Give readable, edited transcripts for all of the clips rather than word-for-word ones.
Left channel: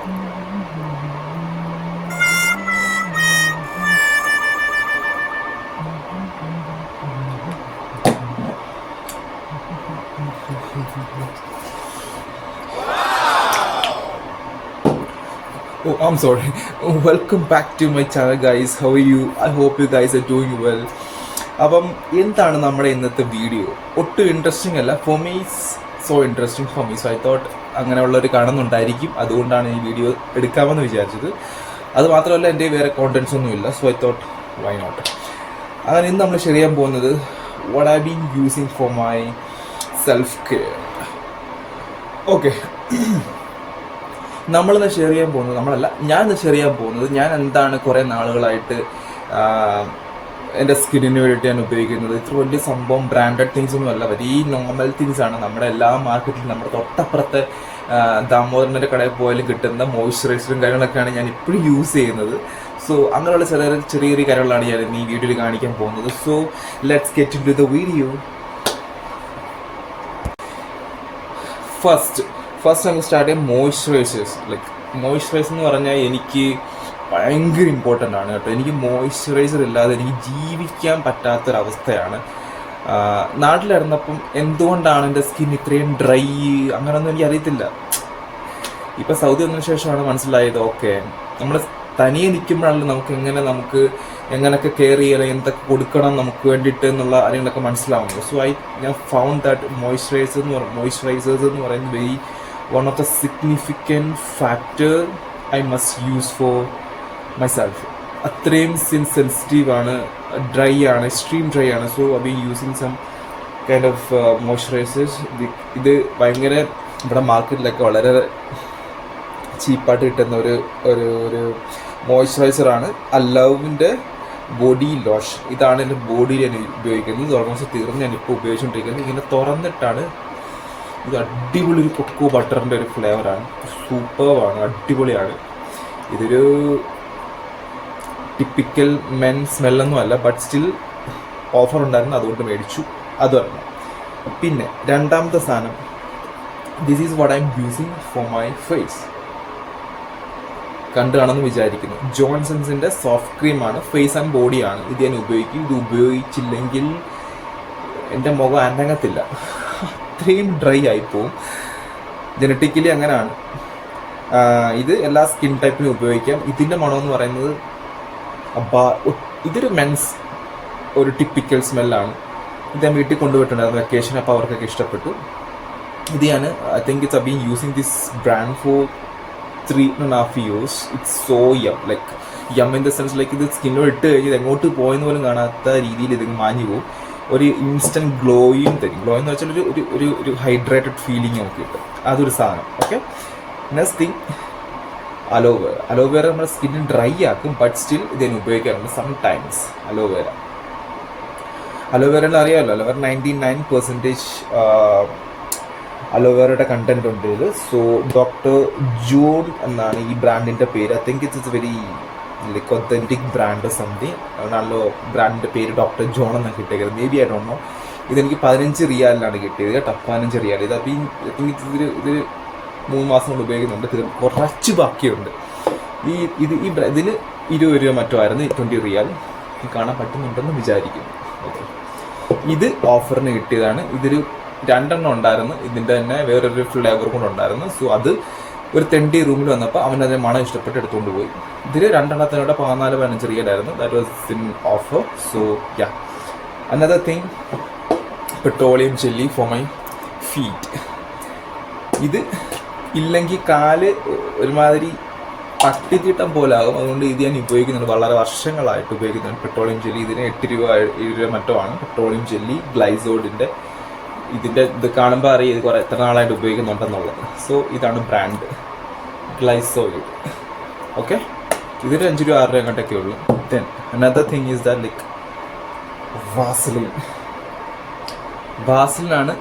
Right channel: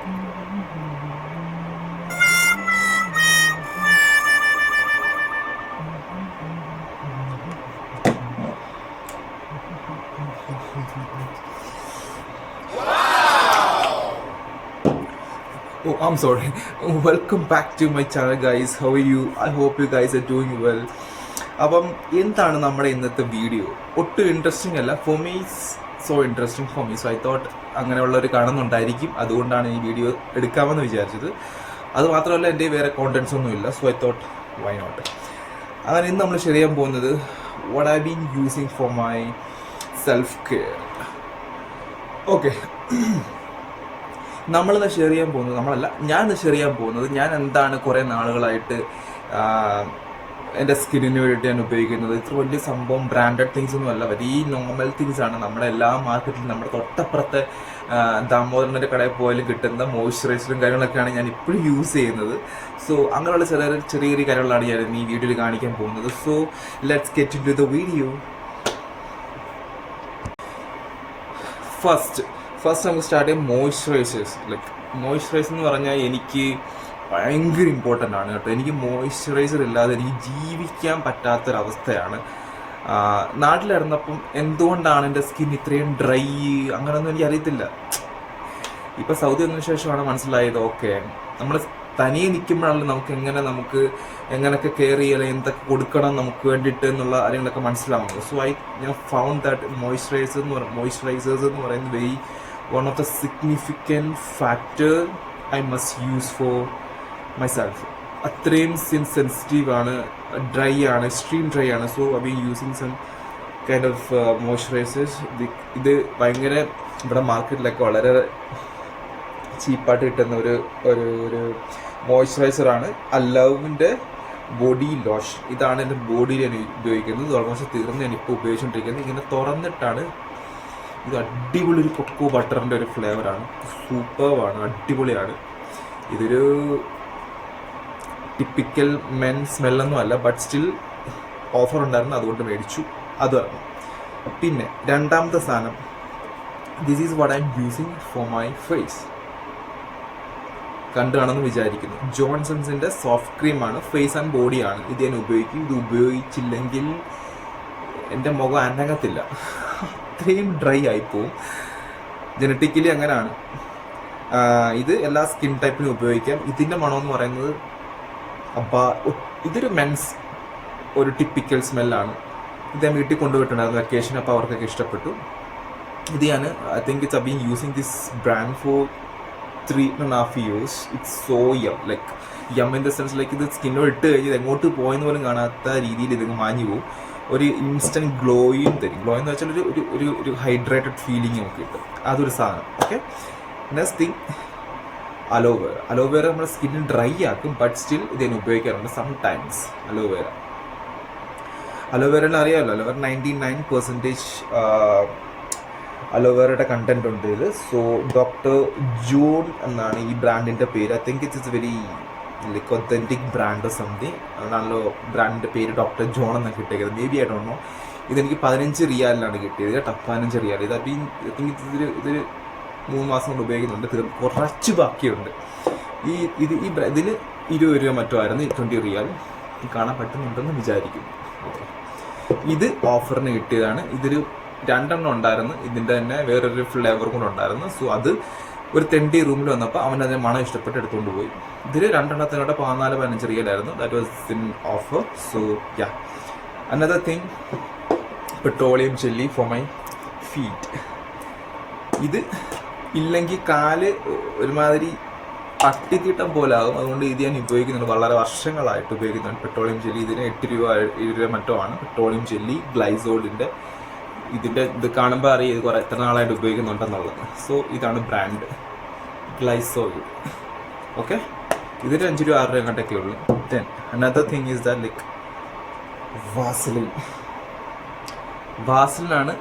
Oh, I'm sorry. Welcome back to my channel, guys. How are you? I hope you guys are doing well. അപ്പം എന്താണ് നമ്മുടെ ഇന്നത്തെ video? ഒട്ടും interesting അല്ല. For me so interesting for me. So I thought അങ്ങനെയുള്ളവർ കാണുന്നുണ്ടായിരിക്കും, അതുകൊണ്ടാണ് ഈ video എടുക്കാമെന്ന് വിചാരിച്ചത്. അത് മാത്രമല്ല, എൻ്റെ വേറെ കോണ്ടൻസ് ഒന്നുമില്ല. So I thought why not. അങ്ങനെ ഇന്ന് നമ്മൾ ഷെയർ ചെയ്യാൻ പോകുന്നത് what I been using for my self care. Okay, നമ്മളിന്ന് ഷെയർ ചെയ്യാൻ പോകുന്നത്, ഞാൻ ഷെയർ ചെയ്യാൻ പോകുന്നത് ഞാൻ എന്താണ് കുറേ നാളുകളായിട്ട് എൻ്റെ സ്കിന്നിന് വേണ്ടിയിട്ട് ഞാൻ ഉപയോഗിക്കുന്നത്. ഇത്ര വലിയ സംഭവം ബ്രാൻഡഡ് തിങ്സ് ഒന്നും അല്ല, വെരി നോർമൽ തിങ്സ് ആണ്. നമ്മുടെ എല്ലാ മാർക്കറ്റിലും നമ്മുടെ തൊട്ടപ്പുറത്തെ ദാമോദരൻ്റെ കടയിൽ പോയാലും കിട്ടുന്ന മോയ്സ്ചറൈസറും കാര്യങ്ങളൊക്കെയാണ് ഞാൻ ഇപ്പോഴും യൂസ് ചെയ്യുന്നത്. സോ അങ്ങനെയുള്ള ചെറിയ ചെറിയ കാര്യങ്ങളാണ് ഞാൻ ഈ വീഡിയോയിൽ കാണിക്കാൻ പോകുന്നത്. So let's get into the video. First നമുക്ക് സ്റ്റാർട്ട് ചെയ്യാം മോയ്സ്ചറൈസേഴ്സ്. മോയ്സ്ചറൈസർ എന്ന് പറഞ്ഞാൽ എനിക്ക് ഭയങ്കര ഇമ്പോർട്ടൻ്റ് ആണ് കേട്ടോ. എനിക്ക് മോയ്സ്ചറൈസർ ഇല്ലാതെ എനിക്ക് ജീവിക്കാൻ പറ്റാത്തൊരവസ്ഥയാണ്. നാട്ടിലിരുന്നപ്പം എന്തുകൊണ്ടാണ് എൻ്റെ സ്കിൻ ഇത്രയും ഡ്രൈ അങ്ങനെയൊന്നും എനിക്ക് അറിയത്തില്ല. ഇപ്പം സൗദി വന്നതിന് ശേഷമാണ് മനസ്സിലായത്, ഓക്കെ നമ്മൾ തനിയെ നിൽക്കുമ്പോഴാണല്ലോ നമുക്ക് എങ്ങനെയൊക്കെ കെയർ ചെയ്യണം, എന്തൊക്കെ കൊടുക്കണം നമുക്ക് വേണ്ടിയിട്ട് എന്നുള്ള കാര്യങ്ങളൊക്കെ മനസ്സിലാവുന്നത്. സോ ഞാൻ ഫൗണ്ട് ദാറ്റ് മോയ്സ്ചറൈസേഴ്സ് എന്ന് പറയുന്നത് very one of the significant factor I must use for myself. അത്രയും സെൻസിറ്റീവ് ആണ്, ഡ്രൈ ആണ്, എക്സ്ട്രീം ഡ്രൈ ആണ്. So I been using some kind of moisturisers. ഇത് ഭയങ്കര ഇവിടെ മാർക്കറ്റിലൊക്കെ വളരെ ചീപ്പായിട്ട് കിട്ടുന്ന ഒരു മോയ്സ്ചറൈസറാണ്. അലവിൻ്റെ ബോഡി ലോഷൻ. ഇതാണ് എൻ്റെ ബോഡിയിൽ ഞാൻ ഉപയോഗിക്കുന്നത്. ഓൾമോസ്റ്റ് തീർന്ന് ഞാനിപ്പോൾ ഉപയോഗിച്ചുകൊണ്ടിരിക്കുന്നത്. ഇങ്ങനെ തുറന്നിട്ടാണ്. ഇത് അടിപൊളി ഒരു കൊക്കോ ബട്ടറിൻ്റെ ഒരു ഫ്ലേവറാണ്. സൂപ്പർവാണ്, അടിപൊളിയാണ്. ഇതൊരു ടിപ്പിക്കൽ മെൻ സ്മെല്ലൊന്നും അല്ല, ബട്ട് സ്റ്റിൽ ഓഫർ ഉണ്ടായിരുന്നു, അതുകൊണ്ട് മേടിച്ചു. അത് പറഞ്ഞു. പിന്നെ രണ്ടാമത്തെ സാധനം, this is what I am using for my face. കണ്ടാണെന്ന് വിചാരിക്കുന്നു. ജോൺസൺസിൻ്റെ സോഫ്റ്റ് ക്രീമാണ്, ഫേസ് ആൻഡ് ബോഡിയാണ്. ഇത് ഞാൻ ഉപയോഗിക്കും. ഇത് ഉപയോഗിച്ചില്ലെങ്കിൽ എൻ്റെ മുഖം അനങ്ങത്തില്ല, അത്രയും ഡ്രൈ ആയിപ്പോവും. ജനറ്റിക്കലി അങ്ങനെയാണ്. ഇത് എല്ലാ സ്കിൻ ടൈപ്പിനും ഉപയോഗിക്കാം. ഇതിൻ്റെ മണമെന്ന് പറയുന്നത് ഇതൊരു മെൻസ് ഒരു ടിപ്പിക്കൽ സ്മെല്ലാണ്. ഇത് ഞാൻ വീട്ടിൽ കൊണ്ടുപോയിട്ടുണ്ടായിരുന്നു വെക്കേഷൻ, അപ്പോൾ അവർക്കൊക്കെ ഇഷ്ടപ്പെട്ടു. ഇത് ഞാൻ I think it's been using this brand for 3.5 years. It's so yum. Yum in the sense ഇത് സ്കിന്നോട് ഇട്ട് കഴിഞ്ഞ് ഇത് എങ്ങോട്ട് പോയെന്ന് പോലും കാണാത്ത രീതിയിൽ ഇത് മാഞ്ഞു പോകും. ഒരു ഇൻസ്റ്റൻറ്റ് ഗ്ലോയും തരും. ഗ്ലോ എന്ന് വെച്ചാൽ ഒരു ഹൈഡ്രേറ്റഡ് ഫീലിംഗ് നമുക്ക് കിട്ടും. അതൊരു സാധനം. ഓക്കെ, നെക്സ്റ്റ് തിങ് അലോവേറ നമ്മുടെ സ്കിന്നിന് ഡ്രൈ ആക്കും, ബട്ട് സ്റ്റിൽ ഇത് ഞാൻ ഉപയോഗിക്കാറുണ്ട് സംടൈംസ്. അലോവേറയിൽ അറിയാമല്ലോ, അലോവേറ 99% അലോവേറയുടെ കണ്ടന്റ് ഉണ്ട് ഇത്. സോ ഡോക്ടർ ജോൺ എന്നാണ് ഈ ബ്രാൻഡിൻ്റെ പേര്. I think it's very authentic brand something. നല്ല ബ്രാൻഡിൻ്റെ പേര് ഡോക്ടർ ജോൺ എന്നാണ് കിട്ടിയത്. May be I don't no. ഇതെനിക്ക് 15 റിയാലിനാണ് കിട്ടിയത് കേട്ടോ, 15 റിയാൽ. ഇത് അപ്പം ഐ തിങ്ക് ഇത് 3 മാസം കൊണ്ട് ഉപയോഗിക്കുന്നുണ്ട്. ഇത് കുറച്ച് ബാക്കിയുണ്ട്. ഇതിന് 20 രൂപ മറ്റോ ആയിരുന്നു, 20 റിയാൽ. കാണാൻ പറ്റുന്നുണ്ടെന്ന് വിചാരിക്കുന്നു. ഓക്കെ, ഇത് ഓഫറിന് കിട്ടിയതാണ്. ഇതൊരു 2 ഉണ്ടായിരുന്നു. ഇതിൻ്റെ തന്നെ വേറൊരു ഫ്ലേവർ കൂടെ ഉണ്ടായിരുന്നു. സോ അത് ഒരു തെണ്ടി റൂമിൽ വന്നപ്പോൾ അവനതിനെ മണം ഇഷ്ടപ്പെട്ട് എടുത്തുകൊണ്ട് പോയി. ഇതിൽ 2 14-15 റിയലായിരുന്നു. That was in offer. So yeah, another thing, petroleum jelly for my feet. ഇത് ഇല്ലെങ്കിൽ കാല് ഒരുമാതിരി പട്ടിക്കിട്ടം പോലാകും. അതുകൊണ്ട് ഇത് ഞാൻ ഉപയോഗിക്കുന്നുണ്ട്, വളരെ വർഷങ്ങളായിട്ട് ഉപയോഗിക്കുന്നുണ്ട് പെട്രോളിയം ജെല്ലി. ഇതിന് 8 രൂപ 7 രൂപ മറ്റോ ആണ് പെട്രോളിയം ജെല്ലി. ഗ്ലൈസോഡിൻ്റെ ഇത് കാണുമ്പോൾ അറിയാം ഇത് എത്ര നാളായിട്ട് ഉപയോഗിക്കുന്നുണ്ടെന്നുള്ളത്. സോ ഇതാണ് ബ്രാൻഡ്, ഗ്ലൈസോയിഡ്. ഓക്കെ, ഇതൊരു 5 രൂപ 6 രൂപ അങ്ങോട്ടൊക്കെ ഉള്ളൂ. Then another thing is the വാസലിനാണ്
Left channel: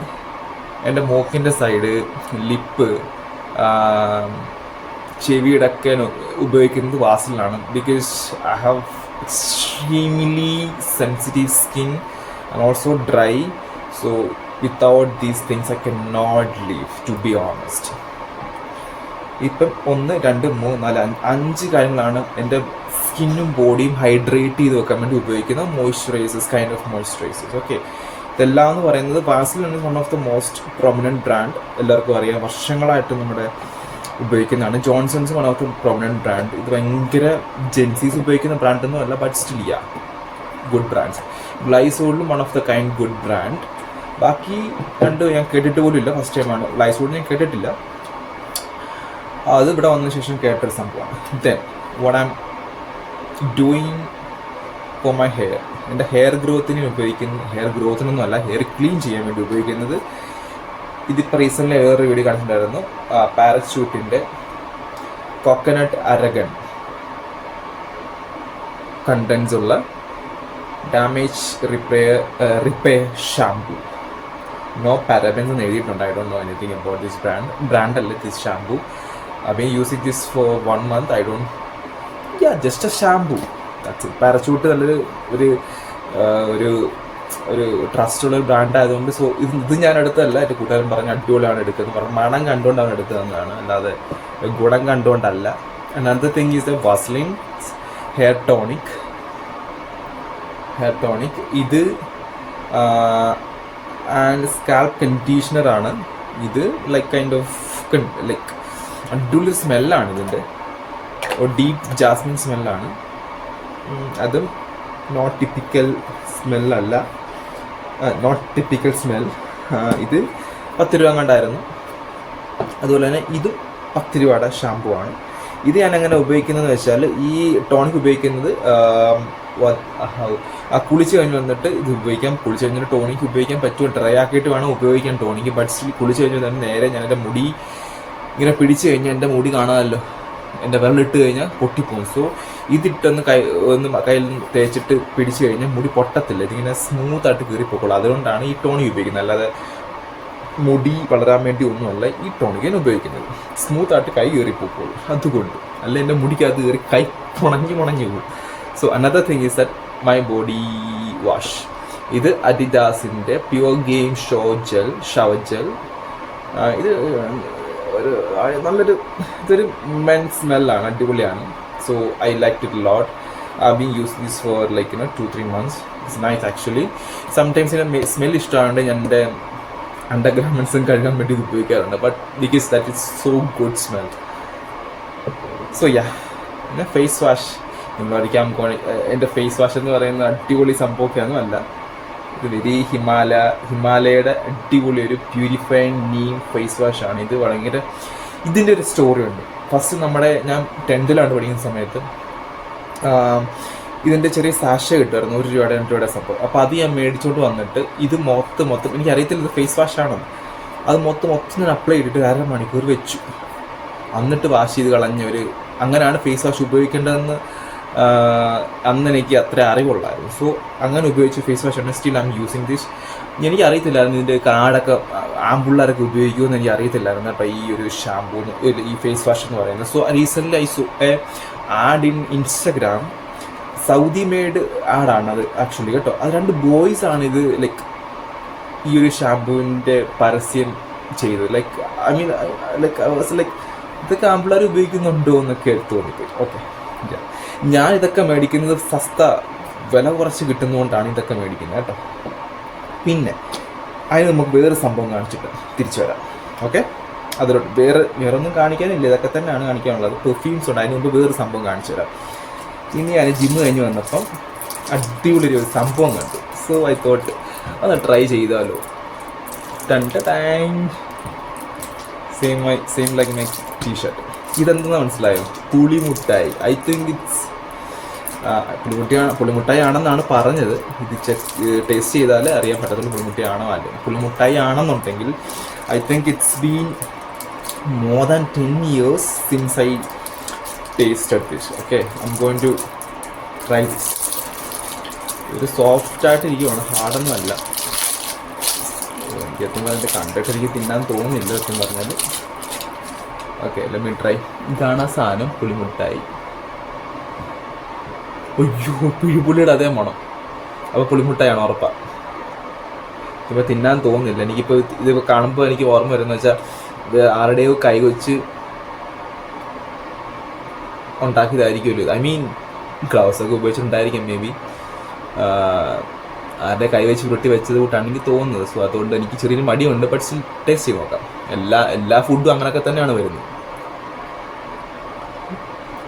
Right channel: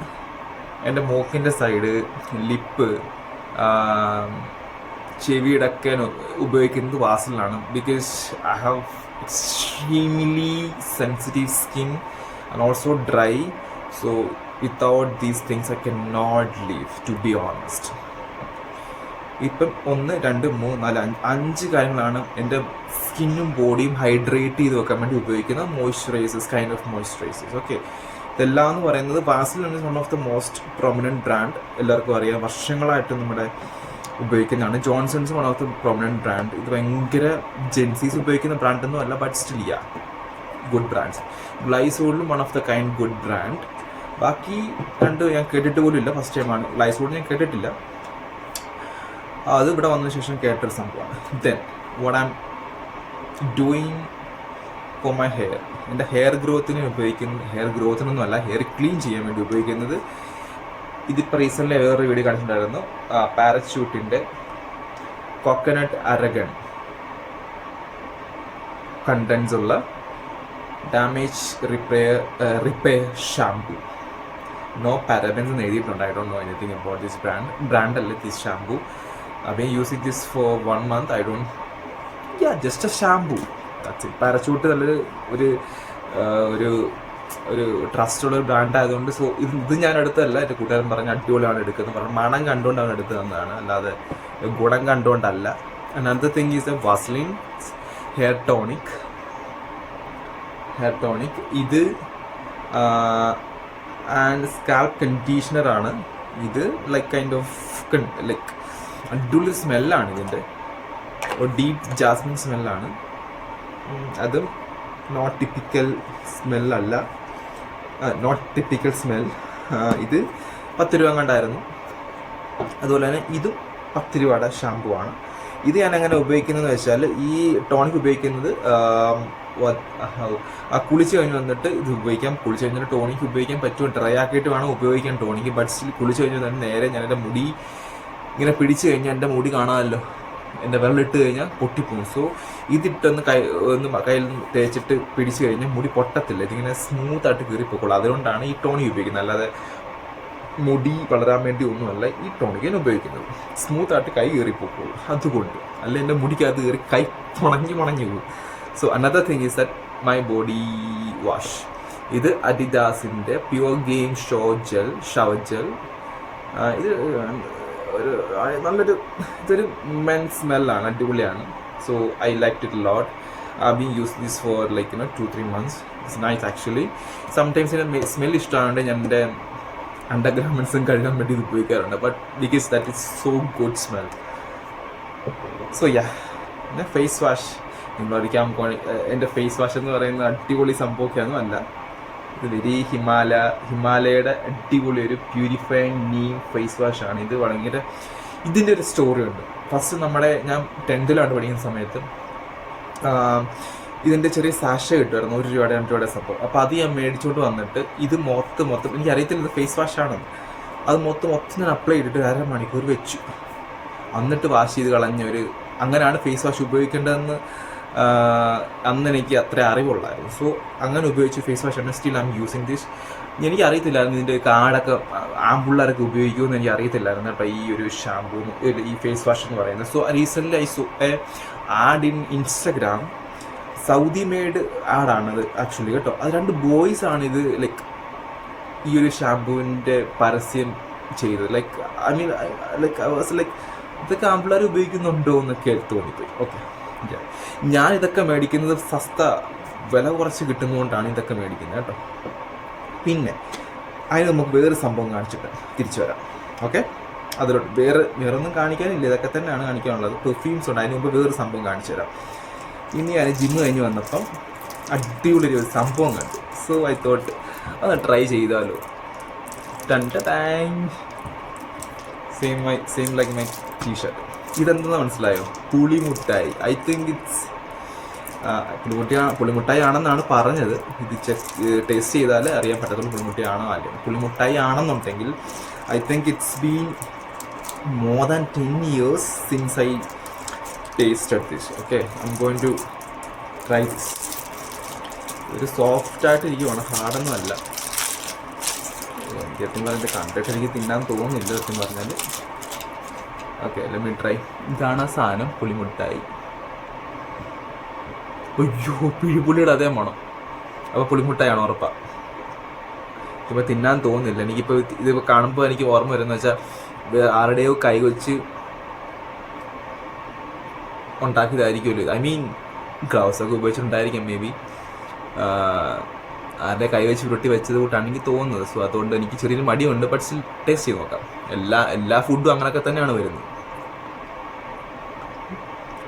എൻ്റെ മൂക്കിൻ്റെ സൈഡ്, ലിപ്പ്, ചെവിയുടെ ഒക്കെ ഉപയോഗിക്കുന്നത് വാസലിനാണ്. Because I have extremely sensitive skin and also dry. So without these things I cannot live, to be honest. ഇപ്പം 1, 2, 3, 4, 5 കാര്യങ്ങളാണ് എൻ്റെ സ്കിന്നും ബോഡിയും ഹൈഡ്രേറ്റ് ചെയ്ത് വെക്കാൻ വേണ്ടി ഉപയോഗിക്കുന്ന moisturisers, kind of moisturisers. Okay, ഇതെല്ലാം എന്ന് പറയുന്നത് വാസലിൻ ആണ് one of the most prominent brand. എല്ലാവർക്കും അറിയാം, വർഷങ്ങളായിട്ട് നമ്മുടെ ഉപയോഗിക്കുന്നതാണ്. Johnson's one of the prominent brand. ഇത് ഭയങ്കര ജെൻസീസ് ഉപയോഗിക്കുന്ന ബ്രാൻഡൊന്നും അല്ല, ബട്ട് സ്റ്റിൽ ഗുഡ് ബ്രാൻഡ്സ്. ഗ്ലൈസോളിലും one of the kind good brand. ബാക്കി രണ്ട് ഞാൻ കേട്ടിട്ട് പോലും ഇല്ല, ഫസ്റ്റ് ടൈമാണ്. ഗ്ലൈസോളിൽ ഞാൻ കേട്ടിട്ടില്ല, അത് ഇവിടെ വന്നതിന് ശേഷം കേട്ടൊരു സംഭവമാണ്. Then what I am doing for my hair, എൻ്റെ ഹെയർ ഗ്രോത്തിന് ഉപയോഗിക്കുന്ന, ഹെയർ ഗ്രോത്തിനൊന്നും അല്ല, ഹെയർ ക്ലീൻ ചെയ്യാൻ വേണ്ടി ഉപയോഗിക്കുന്നത്, ഇതിപ്പോൾ റീസെൻ്റ്ലി വേറൊരു വീഡിയോ കാണിച്ചിട്ടുണ്ടായിരുന്നു, പാരച്യൂട്ടിൻ്റെ കോക്കനട്ട് അരഗൺ കണ്ടൻസ് ഉള്ള damage repair shampoo. No parabens എന്ന് എഴുതിയിട്ടുണ്ട്. I don't know anything about this ബ്രാൻഡല്ല this shampoo. I've been using this for 1 month. I don't, just a shampoo. That's it. Parachute നല്ലൊരു ഒരു ട്രസ്റ്റുള്ള ഒരു brand ആയതുകൊണ്ട്, so ഇത് ഞാൻ എടുത്തതല്ല, എൻ്റെ കൂട്ടുകാരൻ പറഞ്ഞ് അടിപൊളിയാണ് എടുക്കുന്നത്, പറഞ്ഞ് മണം കണ്ടുകൊണ്ടാണ് എടുത്തതെന്നാണ്, അല്ലാതെ ഗുണം കണ്ടുകൊണ്ടല്ല. Another thing is the Vaseline hair tonic. ഇത് ആൻഡ് സ്കാൽപ്പ് കണ്ടീഷണറാണ് ഇത്. ലൈക്ക് കൈൻഡ് ഓഫ് ലൈക്ക് അടിപൊളി സ്മെല്ലാണ് ഇതിൻ്റെ, ഡീപ്പ് ജാസ്മിൻ സ്മെല്ലാണ്. അതും നോട്ട് ടിപ്പിക്കൽ സ്മെല്ലല്ല, നോട്ട് ടിപ്പിക്കൽ സ്മെൽ. ഇത് 10 രൂപ കണ്ടായിരുന്നു. അതുപോലെ തന്നെ ഇതും 10 രൂപയുടെ ഷാമ്പു ആണ്. ഇത് ഞാൻ എങ്ങനെ ഉപയോഗിക്കുന്നതെന്ന് വെച്ചാൽ, ഈ ടോണിക് ഉപയോഗിക്കുന്നത് കുളിച്ച് കഴിഞ്ഞ് വന്നിട്ട് ഇത് ഉപയോഗിക്കാം. കുളിച്ച് കഴിഞ്ഞിട്ട് ടോണിക് ഉപയോഗിക്കാൻ പറ്റുമോ, ഡ്രൈ ആക്കിയിട്ട് വേണം ഉപയോഗിക്കാൻ ടോണിക്. ബട്ട് സ്റ്റിൽ കുളിച്ച് കഴിഞ്ഞ് തന്നെ നേരെ ഞാൻ എൻ്റെ മുടി ഇങ്ങനെ പിടിച്ച് കഴിഞ്ഞാൽ എൻ്റെ മുടി കാണാമല്ലോ, എൻ്റെ വിരലിട്ട് കഴിഞ്ഞാൽ പൊട്ടിപ്പോകും. സോ ഇതിട്ടൊന്ന് കയ്യിൽ നിന്ന് തേച്ചിട്ട് പിടിച്ച് കഴിഞ്ഞാൽ മുടി പൊട്ടത്തില്ല, ഇതിങ്ങനെ സ്മൂത്തായിട്ട് കീറിപ്പോക്കുള്ളൂ. അതുകൊണ്ടാണ് ഈ ടോണിക് ഉപയോഗിക്കുന്നത്, അല്ലാതെ മുടി വളരാൻ വേണ്ടി ഒന്നുമല്ല ഈ ടോണിക് ഞാൻ ഉപയോഗിക്കുന്നത്. സ്മൂത്തായിട്ട് കൈ കീറിപ്പോക്കുള്ളൂ, അതുകൊണ്ട്. അല്ല എൻ്റെ മുടിക്കകത്ത് കയറി കൈ മുണഞ്ഞു പോകും. So another thing is that my body wash. ഇത് അഡിഡാസിൻ്റെ പ്യുവർ ഗെയിം ഷവർ ജെൽ. ഇത് ഇതൊരു മെൻ സ്മെല്ലാണ്, അടിപൊളിയാണ്. So I like it lot. I've been using this for 2-3 months. It's nice actually. Sometimes smell ഇഷ്ടമായതുകൊണ്ട് ഞാൻ എൻ്റെ അണ്ടർഗാർമെൻറ്റ്സും കഴുകാൻ വേണ്ടി ഇത് ഉപയോഗിക്കാറുണ്ട്. But because that is so good smell. So പിന്നെ ഫേസ് വാഷ് നിങ്ങളൊരിക്കാൻ എൻ്റെ ഫേസ് വാഷ് എന്ന് പറയുന്നത് അടിപൊളി സംഭവമൊക്കെയൊന്നും അല്ല. ഇത് വെരി ഹിമാലയയുടെ അടിപൊളി ഒരു പ്യൂരിഫൈങ് നീം ഫേസ് വാഷാണ്. ഇത് ഭയങ്കര, ഇതിൻ്റെ ഒരു സ്റ്റോറി ഉണ്ട്. ഫസ്റ്റ് ഞാൻ 10th പഠിക്കുന്ന സമയത്ത് ഇതിൻ്റെ ചെറിയ സാഷ കിട്ടുമായിരുന്നു, 1 രൂപയുടെ 2 രൂപയുടെ സംഭവം. അപ്പോൾ അത് ഞാൻ മേടിച്ചോണ്ട് വന്നിട്ട് ഇത് മൊത്തം എനിക്കറിയത്തില്ല ഇത് ഫേസ് വാഷാണെന്ന്. അത് മൊത്തം ഞാൻ അപ്ലൈ ചെയ്തിട്ട് 1/2 മണിക്കൂർ വെച്ചു, എന്നിട്ട് വാഷ് ചെയ്ത് അങ്ങനെയാണ് ഫേസ് വാഷ് ഉപയോഗിക്കേണ്ടതെന്ന് അന്ന് എനിക്ക് അത്ര അറിവുള്ളായിരുന്നു. സോ അങ്ങനെ ഉപയോഗിച്ച് ഫേസ് വാഷ് ആണ്. Still I am using this. എനിക്ക് അറിയത്തില്ലായിരുന്നു ഇതിൻ്റെ കാർഡൊക്കെ ആമ്പിള്ളേരൊക്കെ ഉപയോഗിക്കുമെന്ന് എനിക്ക് അറിയത്തില്ലായിരുന്നു കേട്ടോ, ഈ ഒരു ഷാമ്പൂ, ഈ ഫേസ് വാഷ് എന്ന് പറയുന്നത്. So recently I saw a ad in Instagram. Saudi made ആഡാണത് ആക്ച്വലി കേട്ടോ. അത് 2 ബോയ്സ് ആണ് ഇത് ഈ ഒരു ഷാമ്പൂവിൻ്റെ പരസ്യം ചെയ്തത്. ഇതൊക്കെ ആമ്പിള്ളേർ ഉപയോഗിക്കുന്നുണ്ടോ എന്നൊക്കെ തോന്നിപ്പോയി. ഓക്കെ, ഞാൻ ഇതൊക്കെ മേടിക്കുന്നത് വില കുറച്ച് കിട്ടുന്നതുകൊണ്ടാണ് ഇതൊക്കെ മേടിക്കുന്നത് കേട്ടോ. പിന്നെ അതിന് നമുക്ക് വേറെ സംഭവം കാണിച്ചിട്ട് തിരിച്ചു വരാം. ഓക്കെ, അതിലോട്ട് വേറൊന്നും കാണിക്കാനില്ല, ഇതൊക്കെ തന്നെയാണ് കാണിക്കാനുള്ളത്. പെർഫ്യൂംസ് ഉണ്ട്, അതിന് മുമ്പ് വേറെ സംഭവം കാണിച്ചു തരാം. ഇനി ഞാൻ ജിമ്മ് കഴിഞ്ഞ് വന്നപ്പം അടിപൊളി ഒരു സംഭവം കണ്ടു. സോ ഐ തോട്ട് ഒന്ന് ട്രൈ ചെയ്താലോ. Same like my T-shirt. ഇതെന്താ മനസ്സിലായോ? പുളിമുട്ടായി. ഐ തിങ്ക് ഇറ്റ്സ് പുളിമുട്ടായി ആണെന്നാണ് പറഞ്ഞത്. ഇത് ടേസ്റ്റ് ചെയ്താൽ അറിയാൻ പറ്റത്തുള്ളൂ പുളിമുട്ടായി ആണോ അല്ലേ. പുളിമുട്ടായി ആണെന്നുണ്ടെങ്കിൽ I think it's been more than 10 years since I tasted this. Okay, I am going to try this. ഇത് സോഫ്റ്റായിട്ട് ഇരിക്കുവാണ്, ഹാർഡൊന്നും അല്ല. എനിക്ക് എത്തും പറഞ്ഞിട്ട് കണ്ടിട്ട് എനിക്ക് തിന്നാൻ തോന്നുന്നില്ല എത്തും പറഞ്ഞാൽ. Okay, let me try. ഇതാണ് ആ സാധനം, പുളിമുട്ടായി. അയ്യോ, പിഴുപുളിയുടെ അതേ മണം. അപ്പോൾ പുളിമുട്ടായാണ് ഉറപ്പാണ്. ഇപ്പോൾ തിന്നാൻ തോന്നുന്നില്ല എനിക്കിപ്പോൾ. ഇതിപ്പോൾ കാണുമ്പോൾ എനിക്ക് ഓർമ്മ വരുന്നത് വെച്ചാൽ ഇത് ആരുടെയോ കൈ വെച്ച് ഉണ്ടാക്കിയതായിരിക്കുമല്ലോ. ഐ മീൻ ഗ്ലൗസ് ഒക്കെ ഉപയോഗിച്ചിട്ടുണ്ടായിരിക്കും മേ ബി. ആരുടെ കൈവച്ച് ഉരുട്ടി വെച്ചത് കൂട്ടാണ് എനിക്ക് തോന്നുന്നത്. സോ അതുകൊണ്ട് എനിക്ക് ചെറിയൊരു മടിയുണ്ട്. ബട്ട് സ്റ്റിൽ ടേസ്റ്റ് ചെയ്ത് നോക്കാം. എല്ലാ ഫുഡും അങ്ങനെയൊക്കെ തന്നെയാണ് വരുന്നത്.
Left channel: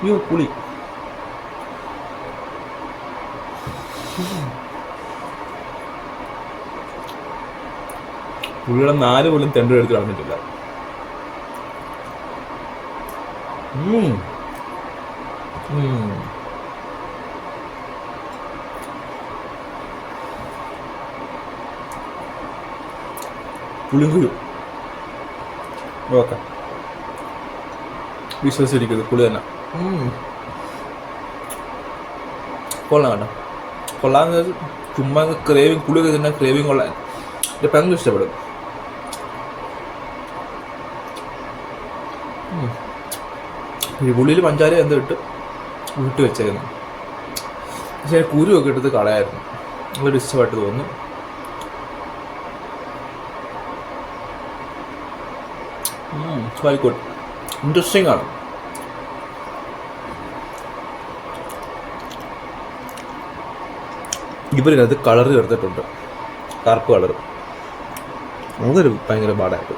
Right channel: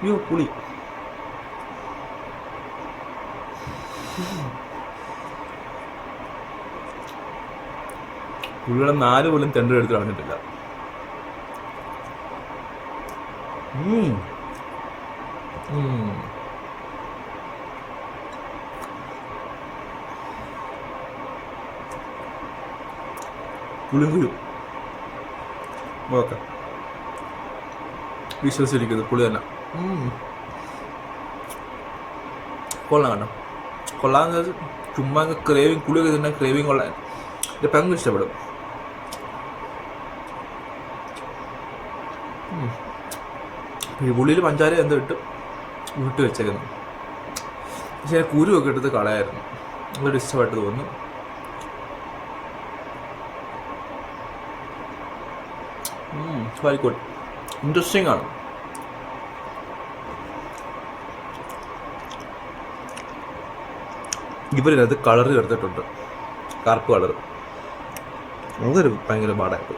അയ്യോ പുളി. പുള്ളിയുടെ 4 പോലും തെണ്ട് എടുത്ത് കളഞ്ഞിട്ടില്ല. പുളിങ്കുരു ഓക്കെ, വിശ്വസിച്ചിരിക്കുന്നത് പുളി തന്നെ. കൊള്ളാം കേട്ടോ, കൊള്ളാന്ന് ചുമ്മാ ക്രേവിങ്, പുളി തന്നെ ക്രേവിങ് കൊള്ളാൻ എൻ്റെ ഭയങ്കര ഇഷ്ടപ്പെടും. ഈ പുളിയിൽ പഞ്ചാര എന്ത് ഇട്ട് വിട്ട് വെച്ചായിരുന്നു. പക്ഷേ കുരുവൊക്കെ എടുത്ത് കളയായിരുന്നു. നല്ലൊരു ഇഷ്ടമായിട്ട് തോന്നി. ആയിക്കോട്ടെ, ഇൻട്രസ്റ്റിംഗ് ആണ്. ഇവരിനകത്ത് കളർ ചേർത്തിട്ടുണ്ട്, കറുപ്പ് കളർ. അതൊരു ഭയങ്കര പാടായിട്ട്.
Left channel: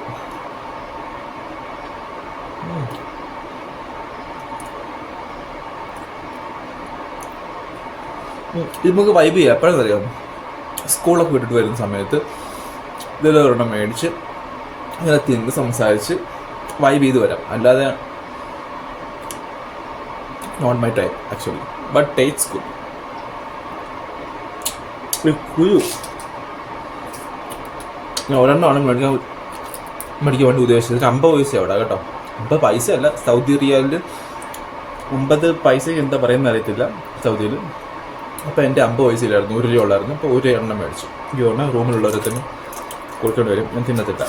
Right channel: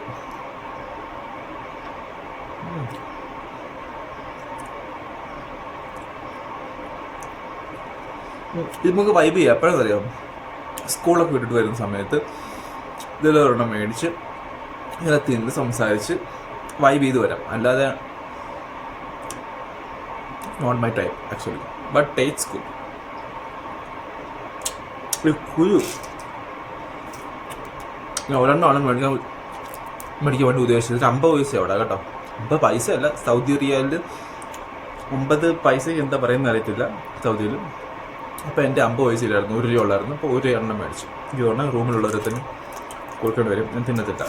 ഇത് നമുക്ക് വൈബ് ചെയ്യാം. എപ്പോഴെന്നറിയാം, സ്കൂളൊക്കെ വിട്ടിട്ട് വരുന്ന സമയത്ത് ഇതിലൊരെണ്ണം മേടിച്ച് ഇങ്ങനെ തിന്ന് സംസാരിച്ച് വൈബ് ചെയ്ത് വരാം. അല്ലാതെ not my type actually, but taste good. കുരു ഒരെണ്ണമാണ് മേടിക്കാൻ വേണ്ടി ഉദ്ദേശിച്ചത്. 50 പൈസ അവിടെ കേട്ടോ. 50 പൈസ അല്ല, സൗദി റിയാലിൽ 50 പൈസയ്ക്ക് എന്താ പറയുന്നത് അറിയത്തില്ല സൗദിയിൽ. അപ്പോൾ എൻ്റെ 50 പൈസയിലായിരുന്നു, 1 രൂപ ഉള്ളായിരുന്നു. അപ്പോൾ 1 എണ്ണം മേടിച്ചു. ഈ എണ്ണം റൂമിലുള്ളവരത്തിന് കൊടുക്കേണ്ടി വരും. ഞാൻ തിന്നത്തില്ല,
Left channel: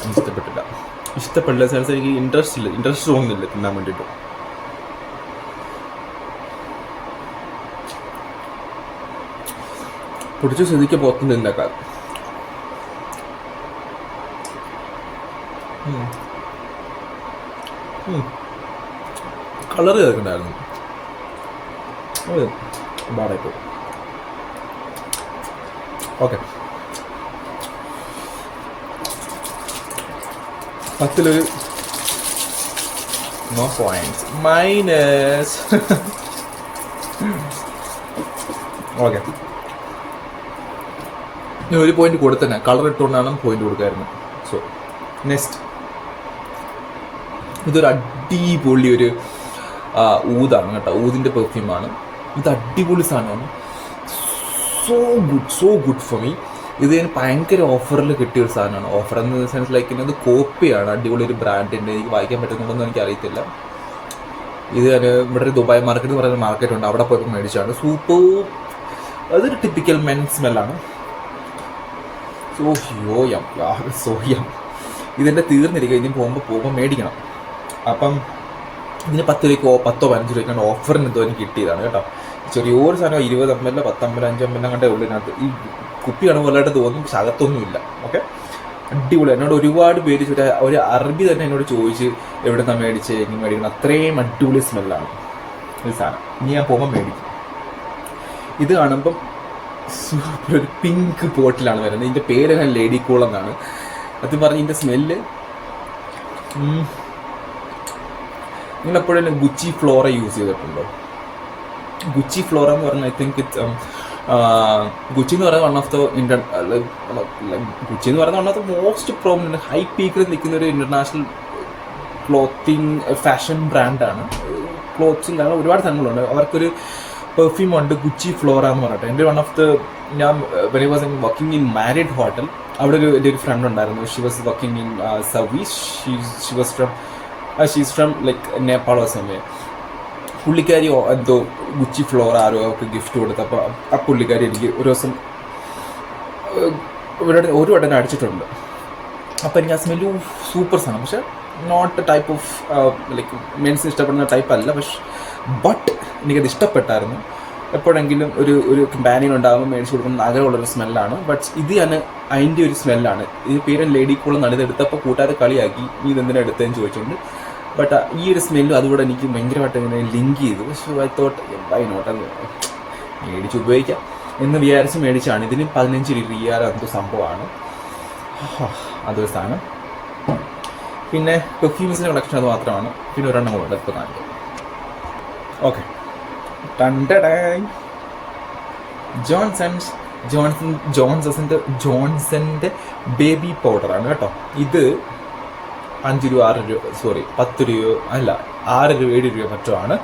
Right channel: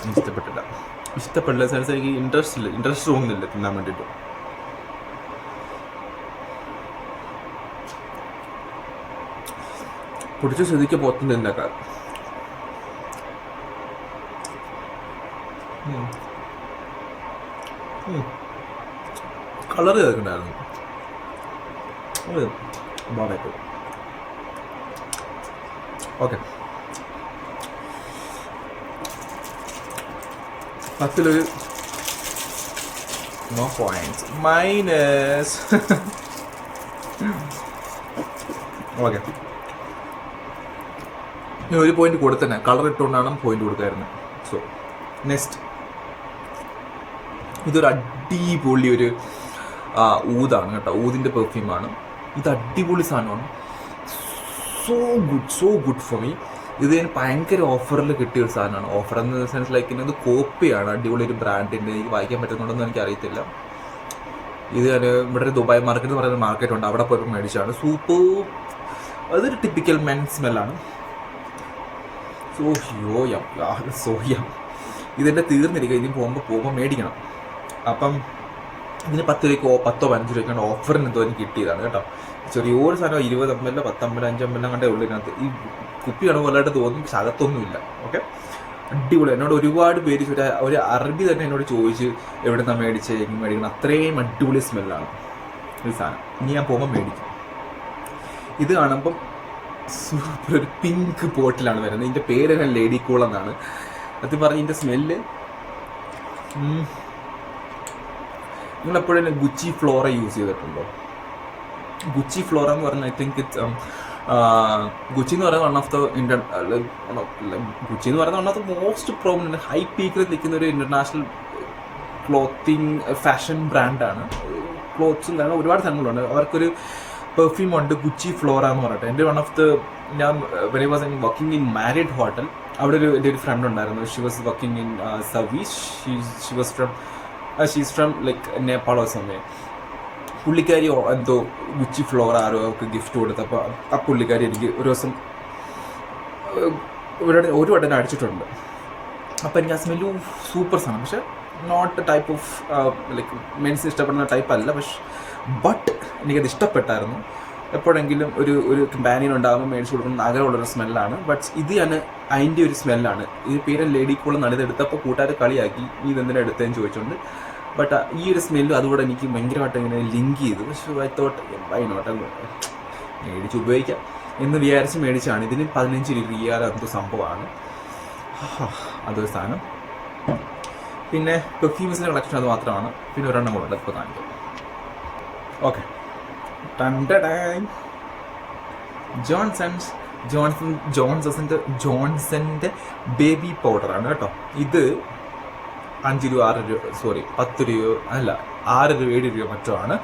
ഇഷ്ടപ്പെട്ടില്ല സ്ഥലത്ത് എനിക്ക് ഇൻട്രസ്റ്റ് തോന്നുന്നില്ല തിന്നാൻ വേണ്ടിയിട്ട്. പൊടിച്ച സ്ഥിതിക്ക് പുറത്തുനിന്നില്ല. കളർ ചേർക്കണ്ടായിരുന്നു, ബാടായിട്ട്. Okay, 10 no points, minus. Okay, ഇനി 1 പോയിന്റ് കൊടുത്തന്നെ കളർ ഇട്ടുകൊണ്ടാണ് പോയിന്റ് കൊടുക്കായിരുന്നു. സോ നെക്സ്റ്റ്, ഇതൊരു അടിപൊളി ഒരു ഊതാണ് കേട്ടോ. ഊതിൻ്റെ പെർഫ്യൂമാണ് ഇത്. അടിപൊളി സാധനമാണ്. So good for me. ഇത് ഞാൻ ഭയങ്കര ഓഫറിൽ കിട്ടിയൊരു സാധനമാണ്. ഓഫർ എന്ന സെൻസ് ലൈക്ക് ഇത് കോപ്പിയാണ്, അടിപൊളി ഒരു ബ്രാൻഡിൻ്റെ. എനിക്ക് വായിക്കാൻ പറ്റുന്നുണ്ടെന്ന് എനിക്കറിയത്തില്ല. ഇത് ഞാൻ ഇവിടെ ഒരു ദുബായ് മാർക്കറ്റ് എന്ന് പറയുന്ന മാർക്കറ്റ് ഉണ്ട്, അവിടെ പോയപ്പോൾ മേടിച്ചാണ്. സൂപ്പർ. അതൊരു ടിപ്പിക്കൽ മെൻ സ്മെല്ലാണ്. സോയം ഇതിൻ്റെ തീർന്നിരിക്കുക. ഇനി പോകുമ്പോൾ മേടിക്കണം. അപ്പം ഇതിന് 10 രൂപയ്ക്കോ 10 15 രൂപയ്ക്കാണ് ഓഫറിന് എന്തോ എനിക്ക് കിട്ടിയതാണ് കേട്ടോ. ചെറിയൊരു സാധനം 20 ml 10 ml 5 ml അങ്ങോട്ടേ ഉള്ളിനകത്ത്. ഈ കുപ്പി കാണുമ്പോഴായിട്ട് തോന്നും, പക്ഷെ അകത്തൊന്നുമില്ല. ഓക്കെ, അടിപൊളി. എന്നോട് ഒരുപാട് പേര് ഒരു അറബി തന്നെ എന്നോട് ചോദിച്ച് എവിടെ നിന്നാണ് മേടിച്ചത്, എങ്ങനെ മേടിക്കണം. അത്രയും അടിപൊളി സ്മെല്ലാണ് ഈ സാധനം. ഇനി ഞാൻ പോകുമ്പോൾ മേടിക്കും. ഇത് കാണുമ്പം സൂപ്പർ ഒരു പിങ്ക് ബോട്ടിലാണ് വരുന്നത്. ഇതിൻ്റെ പേര് തന്നെ ലേഡി കൂൾ എന്നാണ്. അത് പറഞ്ഞ് ഇതിൻ്റെ സ്മെല്ല്, നിങ്ങളെപ്പോഴും ഗുച്ചി ഫ്ലോറ യൂസ് ചെയ്തിട്ടുണ്ടോ? ഗുച്ചി ഫ്ലോറ എന്ന് പറഞ്ഞാൽ ഐ തിങ്ക് ഇറ്റ്സ് ഗുച്ചി എന്ന് പറയുന്നത് വൺ ഓഫ് ദ ഗുച്ചി എന്ന് പറയുന്നത് one of the most prominent high പീക്കിൽ നിൽക്കുന്ന ഒരു ഇന്റർനാഷണൽ ക്ലോത്തിങ് ഫാഷൻ ബ്രാൻഡാണ്. ക്ലോത്ത്സും കാരണം ഒരുപാട് സാധനങ്ങളുണ്ട്. അവർക്കൊരു പെർഫ്യൂം ഉണ്ട്, ഗുച്ചി ഫ്ലോറ എന്ന് പറഞ്ഞിട്ട്. എൻ്റെ വൺ ഓഫ് ദ ഞാൻ when I was working in married hotel, അവിടെ എൻ്റെ ഒരു ഫ്രണ്ട് ഉണ്ടായിരുന്നു. She was working in service. She's from like Nepal or somewhere. പുള്ളിക്കാരി എന്തോ ഗുച്ചി ഫ്ലോർ ആരോ ഒക്കെ ഗിഫ്റ്റ് കൊടുത്തപ്പോൾ ആ പുള്ളിക്കാരി എനിക്ക് ഒരു ദിവസം ഒരു വട്ടം അടിച്ചിട്ടുണ്ട്. അപ്പോൾ എനിക്ക് ആ സ്മെല്ല് സൂപ്പർ സാധനം. പക്ഷെ not type of like men's ഇഷ്ടപ്പെടുന്ന ടൈപ്പ് അല്ല. ബട്ട് എനിക്കത് ഇഷ്ടപ്പെട്ടായിരുന്നു. എപ്പോഴെങ്കിലും ഒരു കമ്പാനിയൻ ഉണ്ടാകുമ്പോൾ മേടിച്ച് കൊടുക്കുന്ന ആഗ്രഹമുള്ളൊരു സ്മെല്ലാണ്. ബട്ട് ഇത് ഞാൻ അതിൻ്റെ ഒരു സ്മെല്ലാണ്. ഇത് പേര് ലേഡി കൂൾ എന്നാണ്. ഇത് എടുത്തപ്പോൾ കൂട്ടുകാരെ കളിയാക്കി, നീ ഇതെന്തിനാണ് എടുത്തതെന്ന് ചോദിച്ചുകൊണ്ട് ബട്ട് ഈ ഒരു സ്മെല്ലും അതുകൂടെ എനിക്ക് ഭയങ്കരമായിട്ട് ഇങ്ങനെ ലിങ്ക് ചെയ്തു. So I thought why not അത് മേടിച്ച് ഉപയോഗിക്കാം എന്ന് വിചാരിച്ച് മേടിച്ചാണ്. ഇതിന് 15 റിയാൽ എന്തോ സംഭവമാണ് അതൊരു സാധനം. പിന്നെ പെർഫ്യൂംസിൻ്റെ കളക്ഷൻ അത് മാത്രമാണ്. പിന്നെ ഒരെണ്ണം കൂടെ ഇപ്പോൾ കാണിക്കാം. ഓക്കെ, ജോൺസന്റെ ബേബി പൗഡറാണ് കേട്ടോ. ഇത് 5 രൂപ 6 രൂപ 10 രൂപ അല്ല 6 രൂപ 7 രൂപ മറ്റുമാണ്.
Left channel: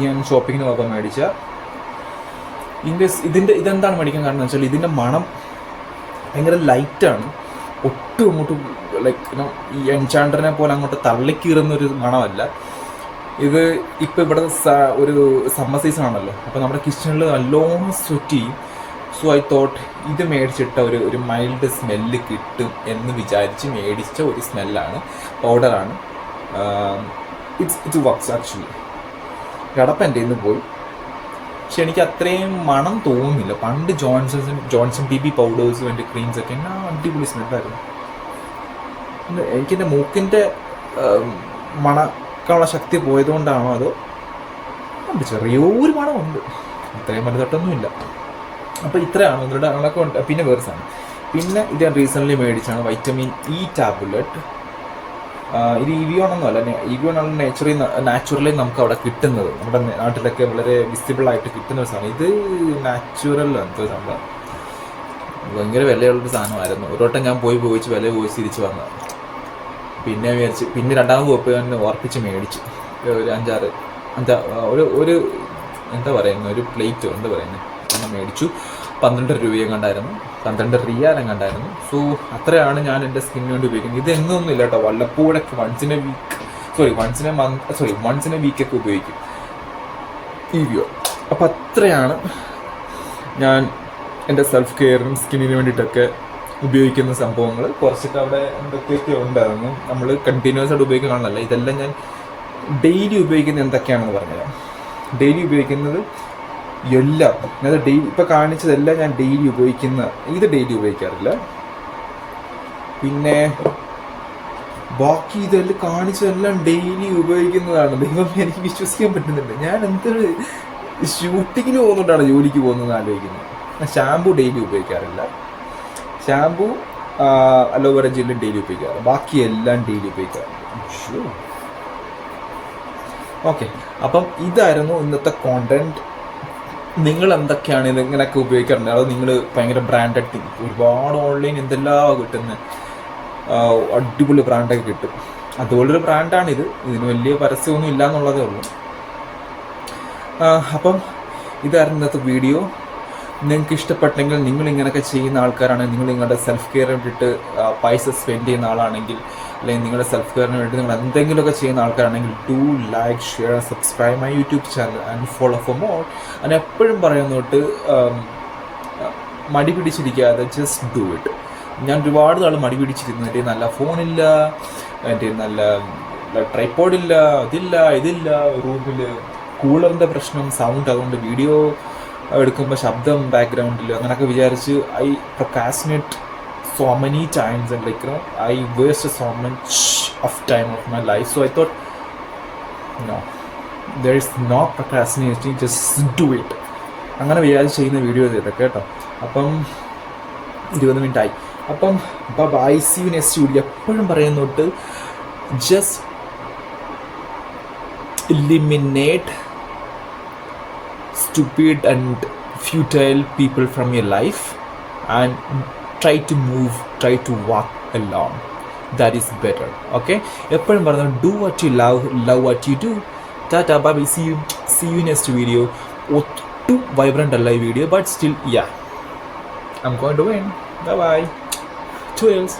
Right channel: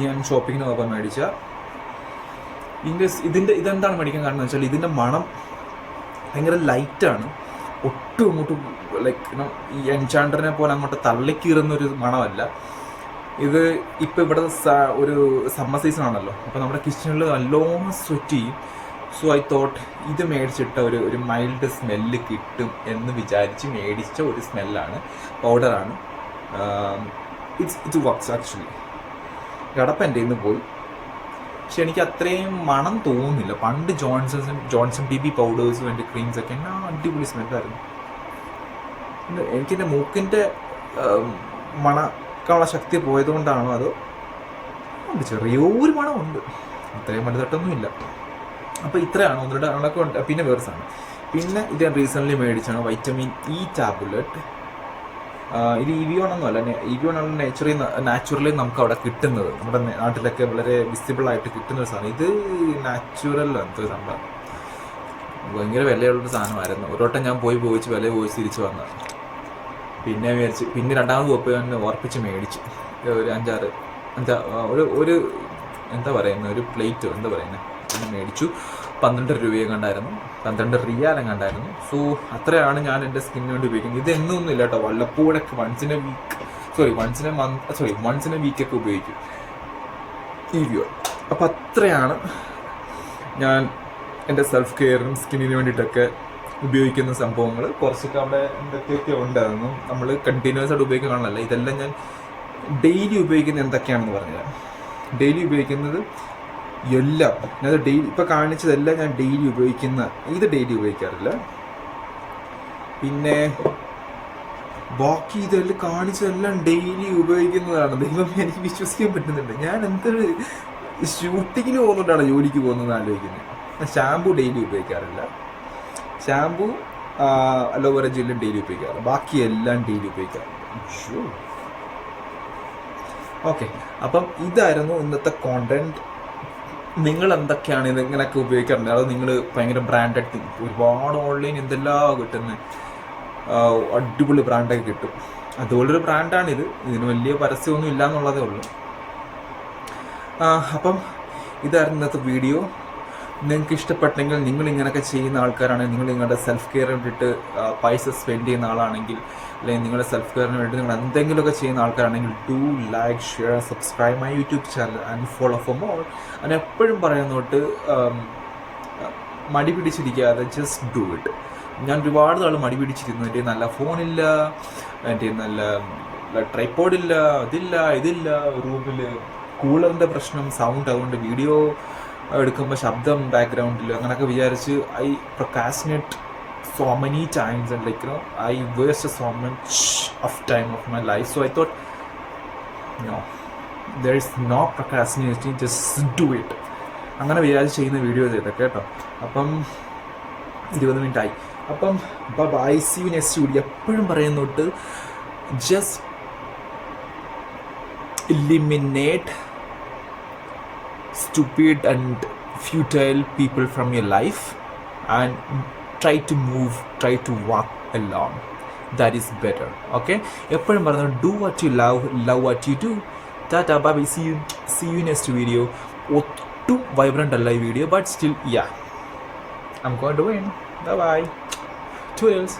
ഞാൻ ഷോപ്പിങ്ങിന് പോയപ്പോൾ മേടിച്ച ഇതെന്താണ് മേടിക്കാൻ കാരണം എന്ന് വെച്ചാൽ ഇതിൻ്റെ മണം ഭയങ്കര ലൈറ്റാണ്. ഒട്ടും അങ്ങോട്ടും ലൈക്ക് ഈ എൻചാണ്ടറിനെ പോലെ അങ്ങോട്ട് തള്ളിക്കീറുന്നൊരു മണമല്ല ഇത്. ഇപ്പം ഇവിടെ ഒരു സമ്മർ സീസൺ ആണല്ലോ, അപ്പോൾ നമ്മുടെ കിച്ചണിൽ നല്ലോണം സ്വെറ്റ് ചെയ്യും. സോ ഐ തോട്ട് ഇത് മേടിച്ചിട്ട ഒരു മൈൽഡ് സ്മെല്ല് കിട്ടും എന്ന് വിചാരിച്ച് മേടിച്ച ഒരു സ്മെല്ലാണ്, പൗഡറാണ്. It's works actually. കടപ്പ് എൻ്റെ നിന്ന് പോയി, പക്ഷെ എനിക്ക് അത്രയും മണം തോന്നുന്നില്ല. പണ്ട് ജോൺസൺ ബേബി പൗഡേഴ്സും എൻ്റെ ക്രീംസൊക്കെ അടിപൊളി സ്മെല്ലായിരുന്നു. എനിക്കെൻ്റെ മൂക്കിൻ്റെ മണക്കാനുള്ള ശക്തി പോയതുകൊണ്ടാണോ അതോ ചെറിയൊരു മണമുണ്ട്, അത്രയും വലുതൊട്ടൊന്നുമില്ല. അപ്പോൾ ഇത്രയാണ് ഒന്നുകൂടെ അങ്ങനെയൊക്കെ ഉണ്ട്. പിന്നെ വേറെ സാധനം, പിന്നെ ഇത് ഞാൻ റീസെൻ്റ്ലി മേടിച്ചാണ് വൈറ്റമിൻ ഇ ടാബ്ലറ്റ്. ഇത് ഇവിയോണൊന്നുമല്ല, ഇവിയോണാണ് നാച്ചുറലി നമുക്ക് അവിടെ കിട്ടുന്നത്. നമ്മുടെ നാട്ടിലൊക്കെ വളരെ വിസിബിളായിട്ട് കിട്ടുന്ന ഒരു സാധനം. ഇത് നാച്ചുറൽ എന്തോ സംഭവം, ഭയങ്കര വിലയുള്ളൊരു സാധനമായിരുന്നു. ഒരു വട്ടം ഞാൻ പോയി വില ചോദിച്ച് തിരിച്ച് വന്നതാണ്. പിന്നെ മേടിച്ച് പിന്നെ രണ്ടാമത് പോയപ്പോൾ ഞാൻ ഓർപ്പിച്ച് മേടിച്ചു ഒരു 5-6 ഒരു എന്താ പറയുന്നത്, ഒരു പ്ലേറ്റോ എന്താ പറയുന്നത് അങ്ങനെ മേടിച്ചു. 12 രൂപയും കണ്ടായിരുന്നു, 12 റിയാലും കണ്ടായിരുന്നു. സോ അത്രയാണ് ഞാൻ എൻ്റെ സ്കിന്നിന് വേണ്ടി ഉപയോഗിക്കുന്നത്. ഇത് എന്നൊന്നും ഇല്ല കേട്ടോ, വല്ലപ്പോഴൊക്കെ വൺസിനെ വീക്കൊക്കെ ഉപയോഗിക്കും ഈ വ്യൂ. അപ്പം അത്രയാണ് ഞാൻ എൻ്റെ സെൽഫ് കെയറിനും സ്കിന്നിന് വേണ്ടിയിട്ടൊക്കെ ഉപയോഗിക്കുന്ന സംഭവങ്ങൾ. കുറച്ചൊക്കെ അവിടെ എന്തൊക്കെയൊക്കെ ഉണ്ടായിരുന്നു, നമ്മൾ കണ്ടിന്യൂസ് ആയിട്ട് ഉപയോഗിക്കുന്നതാണല്ലോ. ഇതെല്ലാം ഞാൻ ഡെയിലി ഉപയോഗിക്കുന്നത് എന്തൊക്കെയാണെന്ന് പറഞ്ഞുതരാം. ഡെയിലി ഉപയോഗിക്കുന്നത് എല്ലാം അതായത് ഡെയിലി ഇപ്പോൾ കാണിച്ചതെല്ലാം ഞാൻ ഡെയിലി ഇത് ഡെയിലി ഉപയോഗിക്കാറില്ല. പിന്നെ ബാക്കി ഇതെല്ലാം കാണിച്ചതെല്ലാം ഡെയിലി ഉപയോഗിക്കുന്നതാണ്. ദൈവം എനിക്ക് വിശ്വസിക്കാൻ പറ്റുന്നില്ല. ഞാൻ എന്തൊരു ഷൂട്ടിങ്ങിന് പോകുന്നുകൊണ്ടാണ് ജോലിക്ക് പോകുന്നത് ആലോചിക്കുന്നത്. ഞാൻ ഷാമ്പു ഡെയിലി ഉപയോഗിക്കാറില്ല. ഷാമ്പു അലോവേറ ജെല്ലും ഡെയിലി ഉപയോഗിക്കാറ്, ബാക്കി എല്ലാം ഡെയിലി ഉപയോഗിക്കാറ്. ഓക്കെ, അപ്പം ഇതായിരുന്നു ഇന്നത്തെ കോണ്ടന്റ്. നിങ്ങൾ എന്തൊക്കെയാണ് ഇതിങ്ങനെയൊക്കെ ഉപയോഗിക്കാറുണ്ട്? അത് നിങ്ങൾ ഭയങ്കര ബ്രാൻഡഡ് ഒരുപാട് ഓൺലൈൻ എന്തെല്ലാം കിട്ടുന്ന അടിപൊളി ബ്രാൻഡൊക്കെ കിട്ടും. അതുപോലൊരു ബ്രാൻഡാണിത്. ഇതിന് വലിയ പരസ്യമൊന്നും ഇല്ല എന്നുള്ളതേ ഉള്ളൂ. അപ്പം ഇതായിരുന്നു ഇന്നത്തെ വീഡിയോ. നിങ്ങൾക്ക് ഇഷ്ടപ്പെട്ടെങ്കിൽ, നിങ്ങൾ ഇങ്ങനെയൊക്കെ ചെയ്യുന്ന ആൾക്കാരാണെങ്കിൽ, നിങ്ങൾ നിങ്ങളുടെ സെൽഫ് കെയറിന് വേണ്ടിയിട്ട് പൈസ സ്പെൻഡ് ചെയ്യുന്ന ആളാണെങ്കിൽ, അല്ലെങ്കിൽ നിങ്ങളുടെ സെൽഫ് കെയറിന് വേണ്ടി നിങ്ങൾ എന്തെങ്കിലുമൊക്കെ ചെയ്യുന്ന ആൾക്കാരാണെങ്കിൽ, do like, share, subscribe my YouTube channel and follow for more. ഞാൻ എപ്പോഴും പറയുന്നോട്ട് മടി പിടിച്ചിരിക്കാതെ ജസ്റ്റ് ഡു ഇറ്റ്. ഞാൻ ഒരുപാട് നാൾ മടി പിടിച്ചിരുന്നു. എൻ്റെ നല്ല ഫോണില്ല, എൻ്റെ നല്ല ട്രൈപോഡില്ല, ഇതില്ല, റൂമിൽ കൂളറിൻ്റെ പ്രശ്നം, സൗണ്ട്, അതുകൊണ്ട് വീഡിയോ എടുക്കുമ്പോൾ ശബ്ദം ബാക്ക്ഗ്രൗണ്ടിൽ അങ്ങനെയൊക്കെ വിചാരിച്ച് I procrastinate so many times and I wasted so much of time of my life. So I thought, no, there is no procrastinating, just do it. അങ്ങനെ വിചാരിച്ച് ചെയ്യുന്ന വീഡിയോസ് ഇതൊക്കെ കേട്ടോ. അപ്പം 20 മിനിറ്റായി. അപ്പം bye, see you next video. എപ്പോഴും പറയുന്നോട്ട് just eliminate stupid and futile people from your life and try to walk along. That is better. Okay, എപ്പോഴും പറഞ്ഞു do what you love what you do. Tata, bye, see you next video. ഒട്ടും vibrant അല്ല ഈ video, but still, yeah, I'm going to win. Bye bye. Cheers.